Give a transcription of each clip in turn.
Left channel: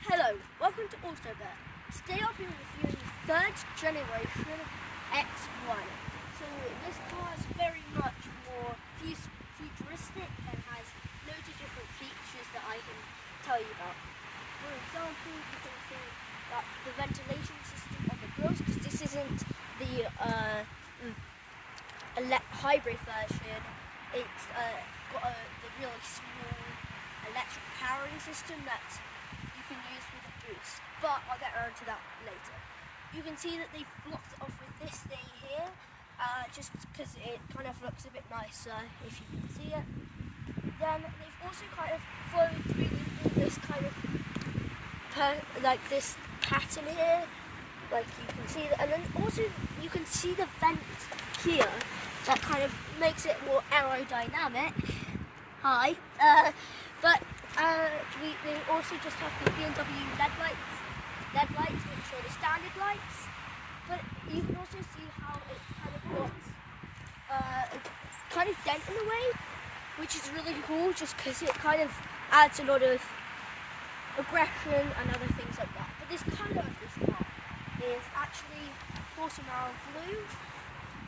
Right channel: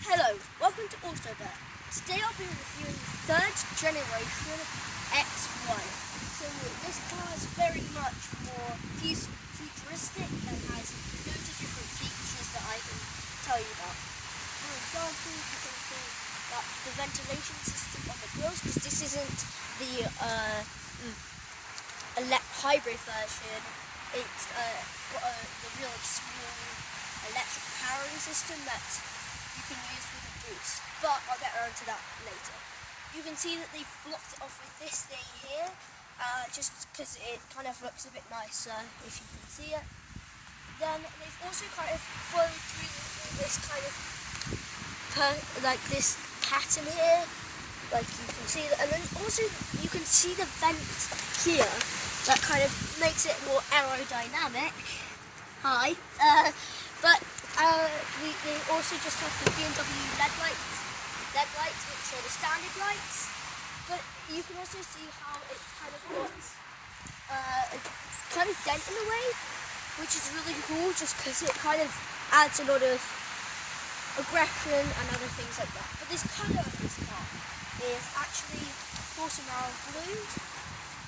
Hello, welcome to AutoBert. Today I'll be reviewing the third generation X1. So this car is very much more futuristic and has loads of different features that I can tell you about. For example, you can see that the ventilation system on the grills, because this isn't the hybrid version, it's got the really small electric powering system that you can use with a boost, but I'll get around to that later. You can see that they've blocked it off with this thing here, just because it kind of looks a bit nicer if you can see it. Then they've also kind of followed through with this kind of like this pattern here, like you can see that, and then also you can see the vent here that kind of makes it more aerodynamic. Hi, but we also just have the BMW LED lights, which are the standard lights. But you can also see how it kind of got kind of dent in a way, which is really cool, just because it kind of adds a lot of aggression and other things like that. But this colour of this car is actually Porcelain blue,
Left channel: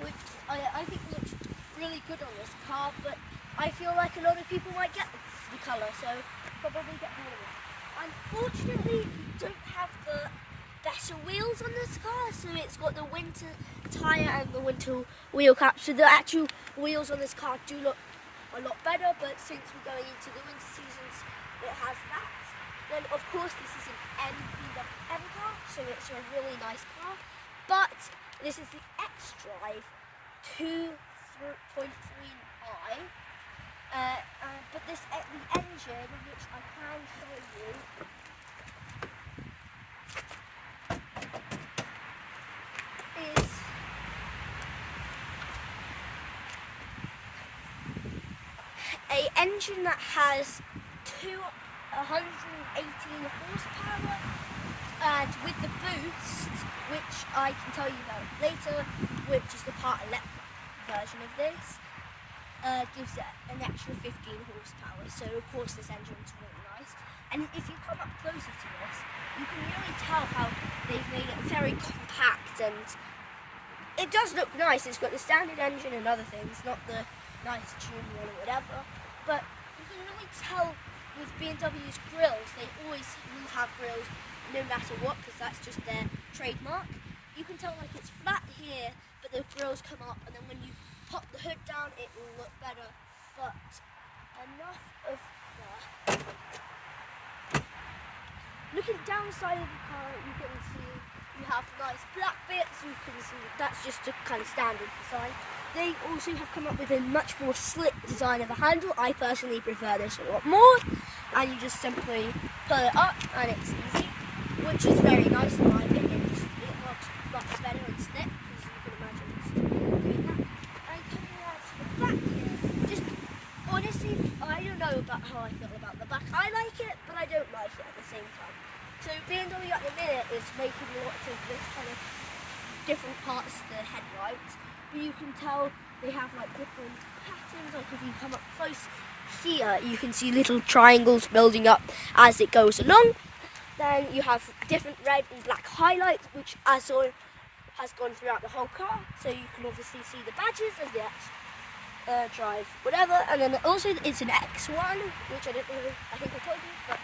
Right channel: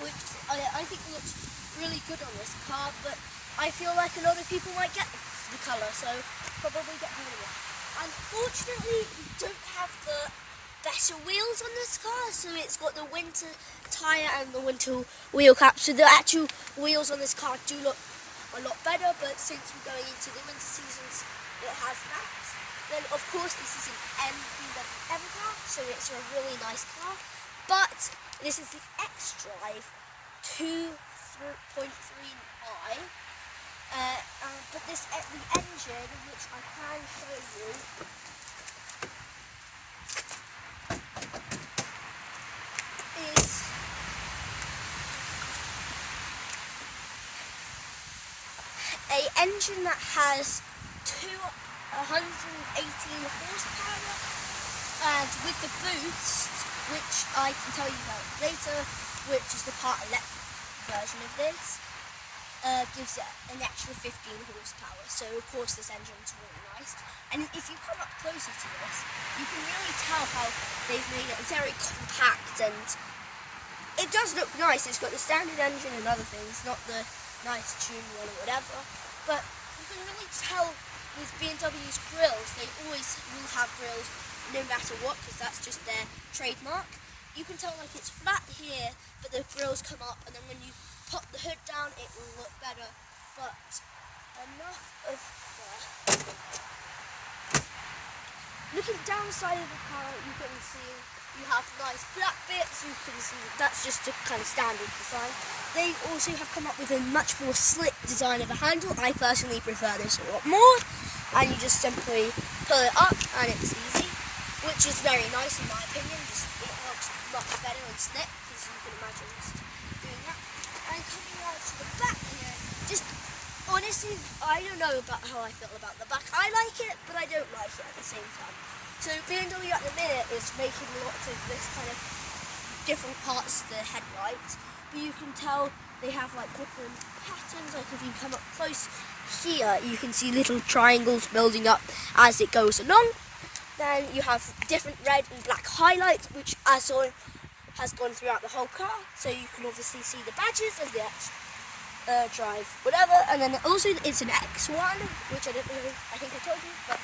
which I think looks really good on this car, but I feel like a lot of people might get the colour, so probably get rid of it. Unfortunately, we don't have the better wheels on this car, so it's got the winter tyre and the winter wheel cap, so the actual wheels on this car do look a lot better, but since we're going into the winter seasons, it has that. Then of course this is an BMW car, so it's a really nice car, but this is the xDrive23i. But the engine, which I can show you, is an engine that has 218 horsepower, and with the boost, which I can tell you about later, which is the part electric version of this, gives it an extra 15 horsepower. So of course this engine's really nice. And if you come up closer to this, you can really tell how they've made it very compact, and it does look nice. It's got the standard engine and other things, not the nice tuned one or whatever. But you can really tell with BMW's grills, they always will have grills no matter what, because that's just their trademark. You can tell like it's flat here, but the grills come up, and then when you pop the hood down, it will look better. But enough of that. Looking down the side of the car, you can see you have nice black bits. You can see that's just a kind of standard design. They also have come up with a much more slick design of a handle. I personally prefer this a lot more. And you just simply pull it up, and it's easy, which is very nice in my opinion. It looks much better and slick, because you can imagine just doing that. And coming out to the back here, just honestly, I don't know about how I feel about the back. I like it, but I don't like it at the same time. So BMW at the minute is making lots of this kind of different parts to the headlights, but you can tell they have like different patterns. Like if you come up close here, you can see little triangles building up as it goes along. Then you have different red and black highlights, which has gone throughout the whole car, so you can obviously see the badges of the Drive whatever. And then also it's an X1, which I don't know, I think I told you, but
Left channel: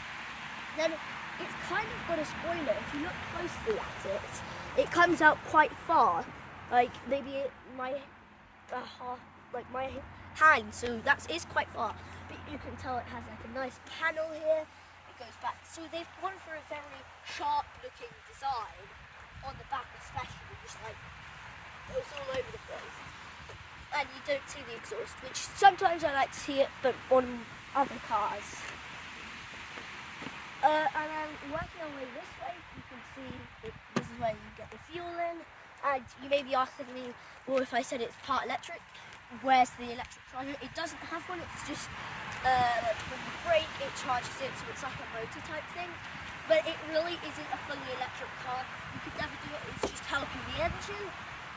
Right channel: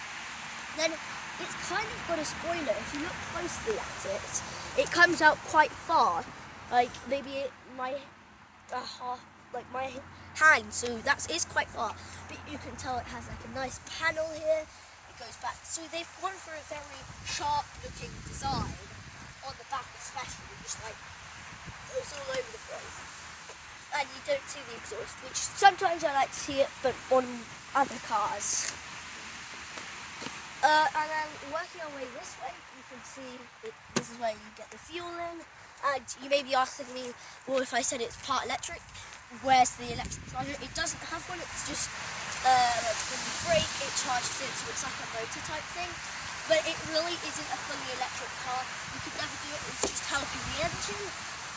then it's kind of got a spoiler. If you look closely at it, it comes out quite far, like maybe my hand, so that is quite far, but you can tell it has like a nice panel here. It goes back, so they've gone for a very sharp looking design on the back, especially, just like it's all over the place, and you don't see the exhaust, which sometimes I like to see it, but on other cars. And then working our way this way, you can see that this is where you get the fuel in. And you may be asking me, well, if I said it's part electric, where's the electric charger? It doesn't have one. It's just like when you brake, it charges it, so it's like a motor type thing. But it really isn't a fully electric car. You could never do it. It's just helping the engine,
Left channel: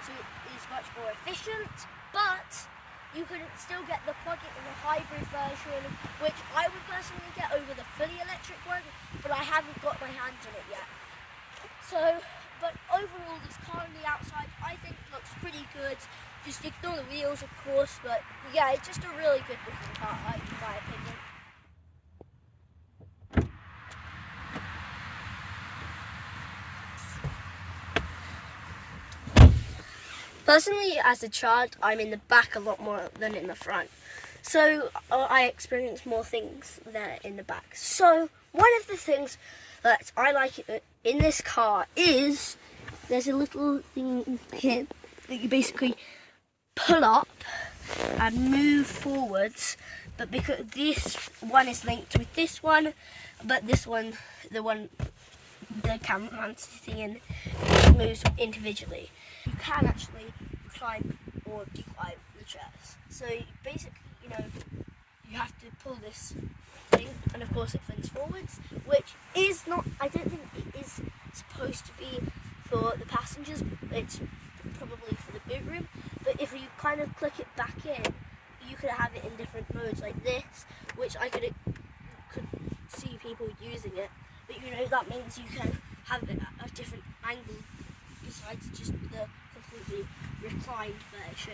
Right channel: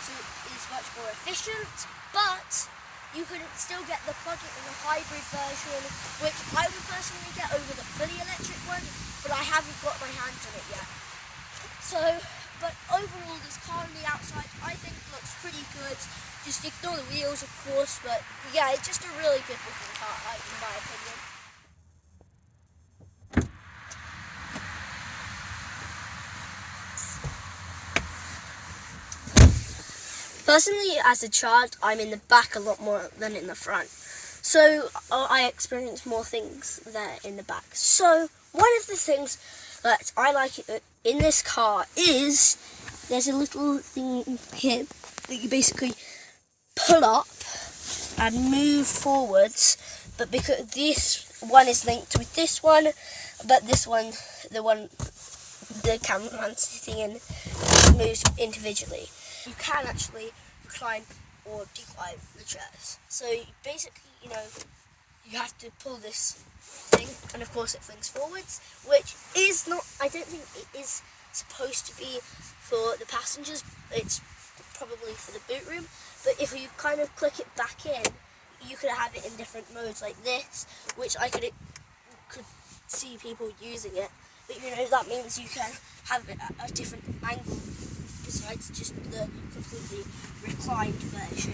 so it is much more efficient. But you can still get the plug-in and the hybrid version, which I would personally get over the fully electric one, but I haven't got my hands on it yet. So, but overall, this car on the outside, I think looks pretty good. Just ignore the wheels, of course, but yeah, it's just a really good looking car, in my opinion. Personally, as a child, I'm in the back a lot more than in the front. So I experience more things there in the back. So one of the things that I like in this car is there's a little thing here that you basically pull up and move forwards. But because this one is linked with this one, but this one, the cameraman sitting in, moves individually. You can actually recline or decline the chairs. So basically, you have to pull this thing, and of course it flings forwards, which is not, I don't think it is supposed to be for the passengers. It's probably for the boot room. But if you kind of click it back in, you could have it in different modes like this, which I could see people using it. But that means you can have it at a different angle besides just the completely reclined version.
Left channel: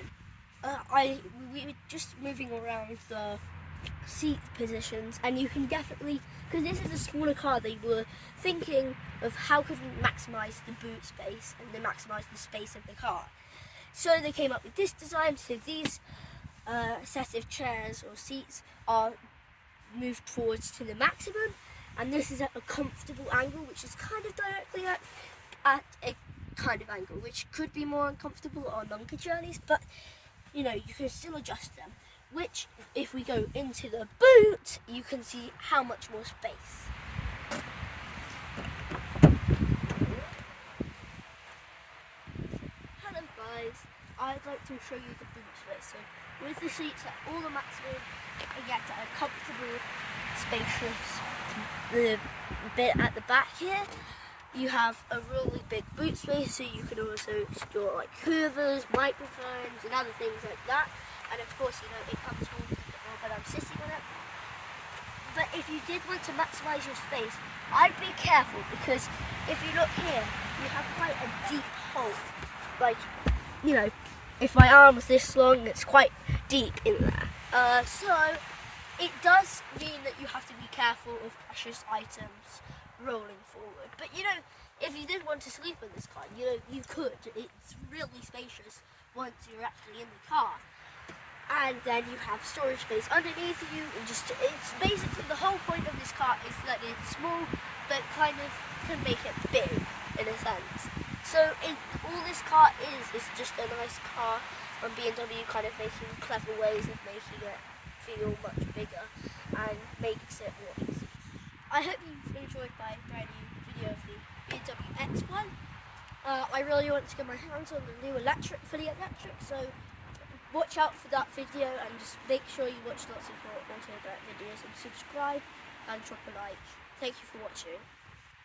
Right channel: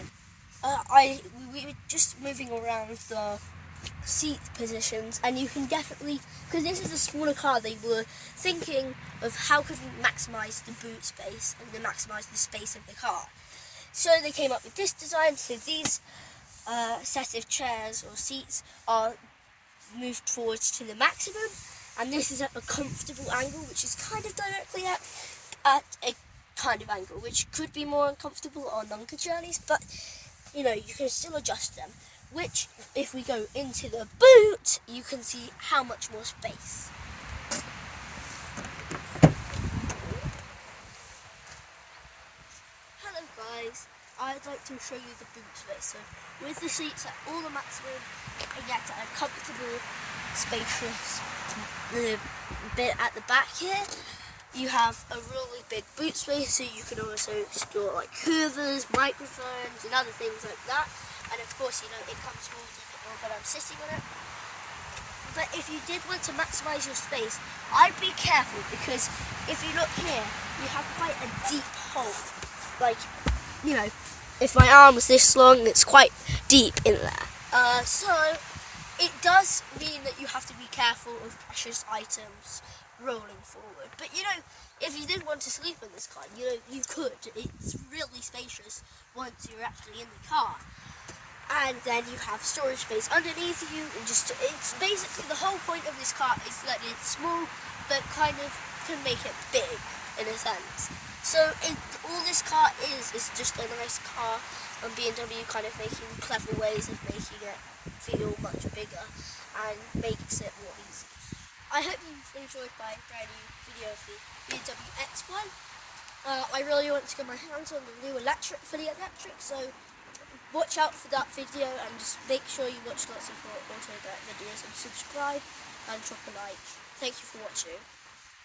We were just moving around the seat positions, and you can definitely, because this is a smaller car, they were thinking of how could we maximise the boot space and then maximise the space of the car. So they came up with this design. So these set of chairs or seats are moved forwards to the maximum, and this is at a comfortable angle, which is kind of directly at a kind of angle, which could be more uncomfortable on longer journeys, but you can still adjust them, which if we go into the boot, you can see how much more space. Hello guys, I'd like to show you the boot space. So with the seats at all the maximum, I get a comfortable, spacious bit at the back here. You have a really big boot space, so you can also store like hoovers, microphones, and other things like that. And of course, it comes forward a bit more, but I'm sitting on it. But if you did want to maximise your space, I'd be careful, because if you look here, you have quite a deep hole. Like, if my arm was this long, it's quite deep in there. So it does mean that you have to be careful of precious items rolling forward. But if you did want to sleep in this car, you could. It's really spacious once you're actually in the car. And then you have storage space underneath you, and it's basically the whole point of this car is that it's small, but kind of can make it big in a sense. So all this car is just a nice car, and BMW kind of making clever ways of making it feel much bigger and makes it more easy. I hope you've enjoyed my brand new video of the BMW X1. I really want to get my hands on the new fully electric, so watch out for that video, and just make sure you watch lots of more AutoBert videos and subscribe and drop a like. Thank you for watching.